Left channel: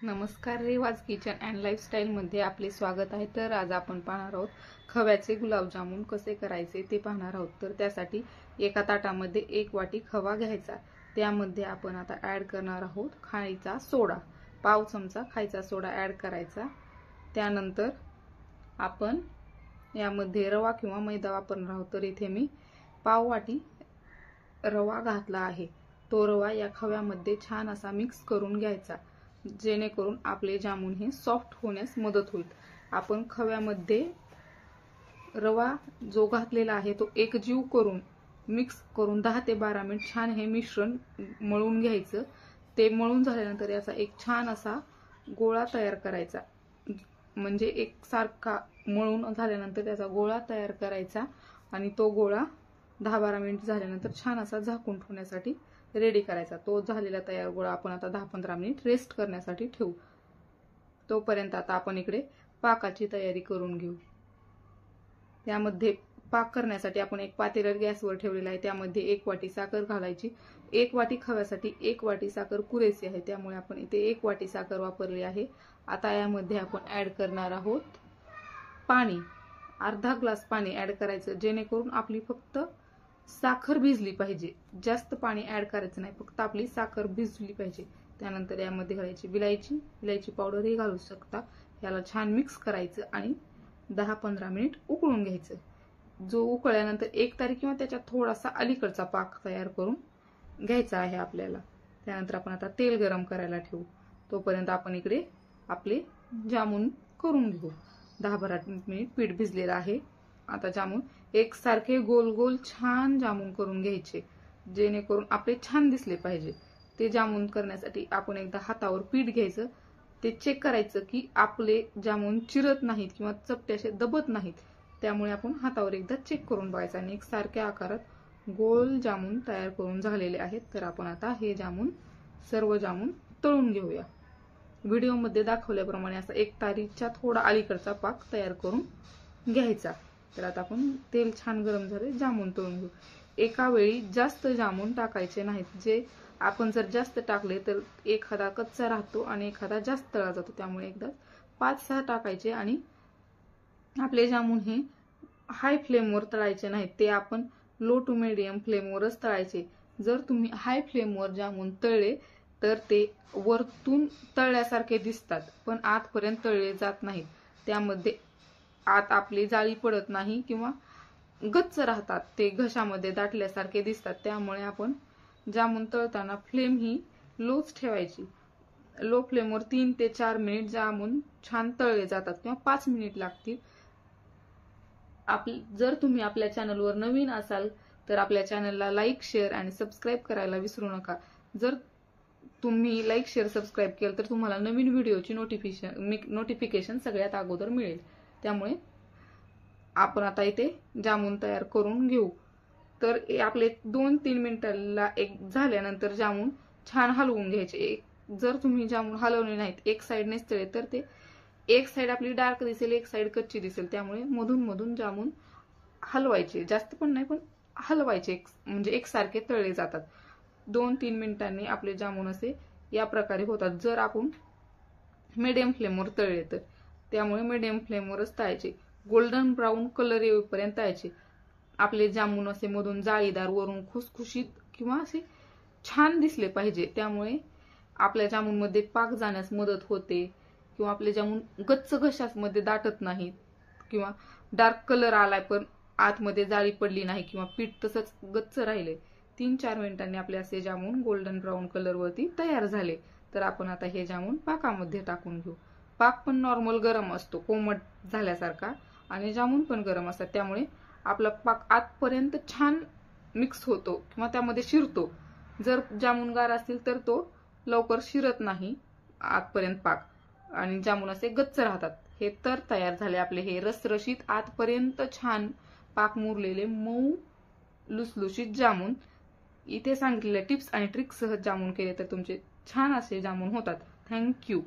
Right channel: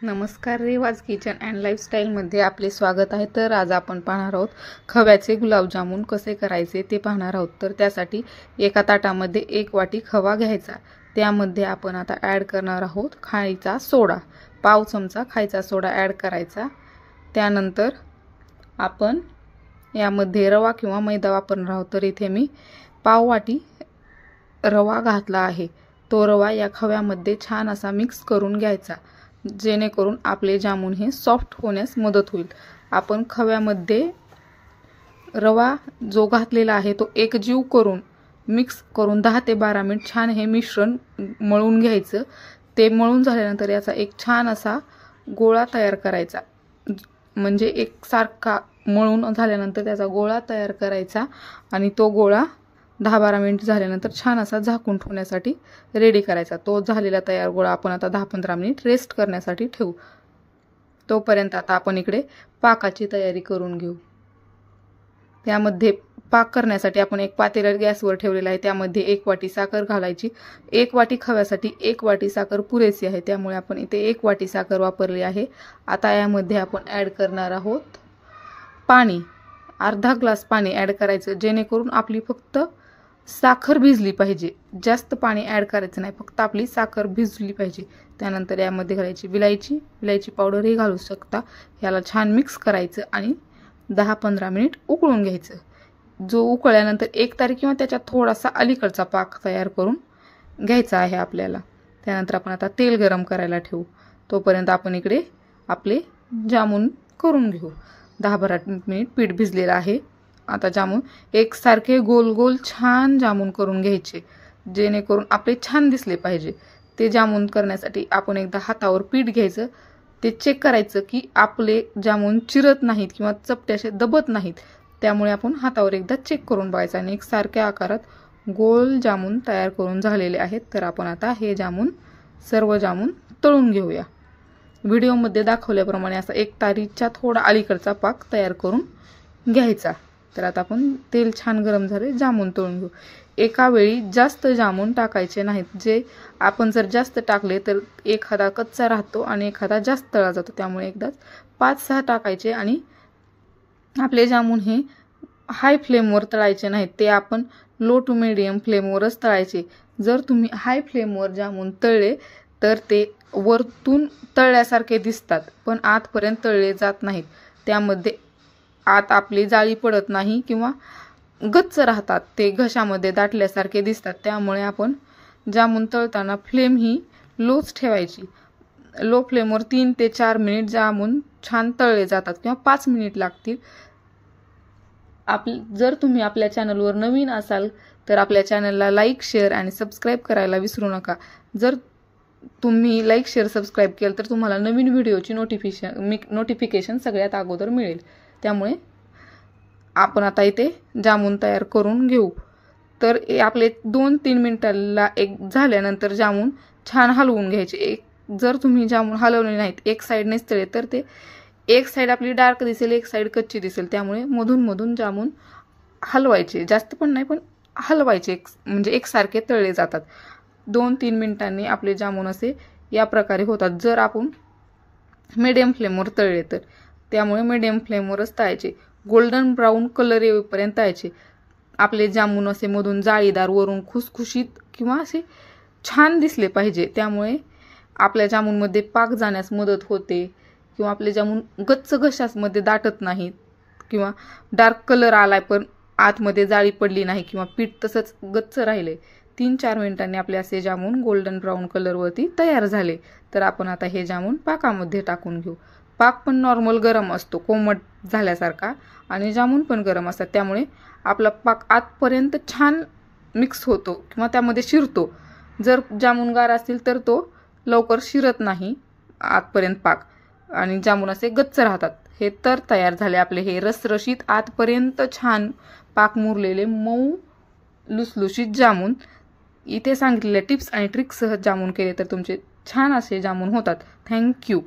नमस्कार, रेवाज kitchen and लाईफस्टाईलमध्ये आपले स्वागत आहे। तर आज आपण पाहणार आहोत खव्याचे गुलाबजामुन कसे करायचे ते पाहणार आहोत। तर त्यासाठी एका ताटामध्ये 1 वाटी खवा घ्यायचा। त्यामध्ये आपण आता ॲड करणार आहोत खायचा सोडा, पाव चमचा खायचा सोडा ॲड करायचा। त्यानंतर आपण यामध्ये रवा किंवा मैदा वापरणार आहोत। तर इथे मी पाव वाटी रवा घातला आहे। तो रवा या खव्यामध्ये छान असा मिक्स करून घ्यायचा, जेणेकरून आपले जामुन हे सॉफ्ट होण्यास मदत होईल। आपण खव्यामध्ये रवा जो घातलेला आहे तो एकजीव करून मिक्स करून 10 ते 12 मिनिट छान हे मिश्रण मळून घ्यायचं। ते मळून झाल्यानंतर याचा एक छान असा गोळा तयार करायचा, म्हणजे एकसारखा मळून झाल्यानंतर त्याचा गोळा तयार करायचा आणि तो गोळा 10-12 मिनिट झाल्यानंतर छान असा झाकून ठेवण्यासाठी रेडी करायचा। तो झालेला तयार गोळा आपण आता 10-15 मिनिट रेस्ट करण्यासाठी ठेवू। तोपर्यंत आता आपण इकडे पाकाची तयारी करून घेऊ। त्यामध्ये पाक करण्यासाठी आपण एक पातेलं गॅसवर ठेवलेलं आहे। त्यामध्ये 1 वाटी साखर घालायची। 1 वाटी खव्यासाठी 1 वाटी साखर पुरेशी आहे, त्यामुळे आपण इथे 1 वाटी साखर वापरली आहे। आता यामध्ये आपण ॲड करणार आहोत पाणी। अर्धा ग्लास पाणी ॲड करायचं, जेणेकरून आपली फक्त साखर भिजली पाहिजे। जास्त पाणी ॲड करायचं नाही, फक्त आपली साखर भिजली पाहिजे। त्यानंतर यामध्ये घालायची विलायची पावडरही घालू शकता। याला छान मिक्स करायचं आणि 10-15 मिनिट उकळून घ्यायचं। जो उकळल्यानंतर 1 तारी किंवा त्याच्या थोडासा अलीकडचा पाक तयार करून घ्यायचा आहे आपल्याला। त्यानंतर आपण आता तेल गरम करायला ठेवू। तोपर्यंत आपण इकडे आपले जामुन करून घेऊ। 10-12 मिनिट पीठ भिजलेलं आहे। आता जामुन एकसारखे गोल गोल छान जामुन करून घ्यायचे, जेणेकरून आपले छान दिसले पाहिजे। ते जामुन करण्यासाठी आपण एकदा हातावर पीठ घ्यायचं, ते चेक करायचं की आपले जामुन चिरत नाहीत किंवा चपटे असे दबत नाहीत। त्यामुळे आपण हातावर एकदा चेक करून बघायचं आणि एकसारख्या आकारात गोल जामुन तयार करून झालेले आहेत। तर आपण आता हे सर्व जामुन तळून घेऊया। व्हिडिओमध्ये दाखवल्याप्रमाणे असा 1 तारीच्या थोडा अलीकडचा पाक तयार करून घ्यायचा। तर आता आपण तेल छान गरम झाले, जामुन तळून घेऊ। एका वेळी जास्त जामुन टाकायचे नाहीत, जे आपण जर जास्त टाकले तर एखादा कच्चा राहतो आणि एखादा जास्त तळला जातो। त्यामुळे एकदाच 5-6 टाकायचे आणि आपले जामुन हे हाय फ्लेमवर तळायचे नाहीत, ते आपण लो टू मीडियम फ्लेमवरच तळायचे। जर तुम्ही हाय फ्लेमवर जामुन तळले तर ते वरतून तळल्यासारखे दिसतात, पण आतपर्यंत तळले जात नाहीत। त्यामध्ये आत आपली जाळी पडत नाही किंवा गच्च राहतात, ते घशामध्ये दाटल्यासारखे दिसतात। त्यामुळे आपण जामुन तळताना फ्लेम ही लोच ठेवायची। लो फ्लेमवर 3 ते 4 मिनिट जामुन छान तळले जातात किंवा 5 मिनिट लागतील। जर तुम्ही आपल्या चॅनलवर नवीन असाल तर आपल्या चॅनलला लाईक, शेअर आणि सबस्क्राईब करायला विसरू नका। जर तुम्ही लाईक, शेअर, सबस्क्राईब केलं तर तुम्हाला नवीन व्हिडिओची नोटिफिकेशन सगळ्यात अगोदर मिळेल। त्यामुळे आपण आता इथे जामुन तयार करून घेऊ। तर आपले 2-3 मिनिटाला एक झाल्यानंतर जामुन छान हलवून घ्यायचे। जर तुम्ही जामुन हलवले नाहीत, एक साईडनेच तळले तर ते एक साईड आपली डार्क दिसेल, एक साईड कच्ची दिसेल। त्यामुळे मधून मधून जामुन हलवायचे, जास्त पण नाही पण हलवायचे, म्हणजे एकसारखे तळले जातात। 2-3 मिनिटांनी आपले जामुन असे या प्रकारे होतात, जर आपण मीडियम फ्लेमवर तळले तर। त्यामुळे मीडियम फ्लेमवरच तळायचे, गोल्डन ब्राऊन कलर येईपर्यंत तळायचे। आपले जामुन असे मधून जाळीदार, वरून खुसखुशीत किंवा असे छान दिसले पाहिजे। त्यामुळे आपल्या जामुनमध्ये पाक जाण्यास मदत होते किंवा आपले जामुन गच्च घशामध्ये दाटत नाहीत किंवा डार्क कलर आलाय पण आतमध्ये जाळी पडली नाही किंवा पीठ तसंच गच्च राहिले। 3-4 मिनिटांनी आपले असे जामुन गोल्डन ब्राऊन कलरवरती तयार झाले। तर आपण आता हे जामुन पाकामध्ये टाकून घेऊ। पाक पण नॉर्मल गरम असतो, कोमट झाल्यासारखा, आणि जामुन पण गरम असतात। त्यामुळे आपला पाक आतपर्यंत छान मिक्स होतो किंवा त्यामध्ये शिरतो। जर जामुन गार असतील तर तो लवकर शिरत नाही आतपर्यंत पाक, आणि जामुन असे गच्च राहतात। हे तर तयार झाले आपले हे रसरशीत, आतपर्यंत छान पाक मुरलेले, मऊ लुसलुशीत जामुन। इथे सांगितलेल्या टिप्स आणि ट्रिक्ससह जामुन केले तर तुमचे छान असे जामुन होतात। थँक्यू।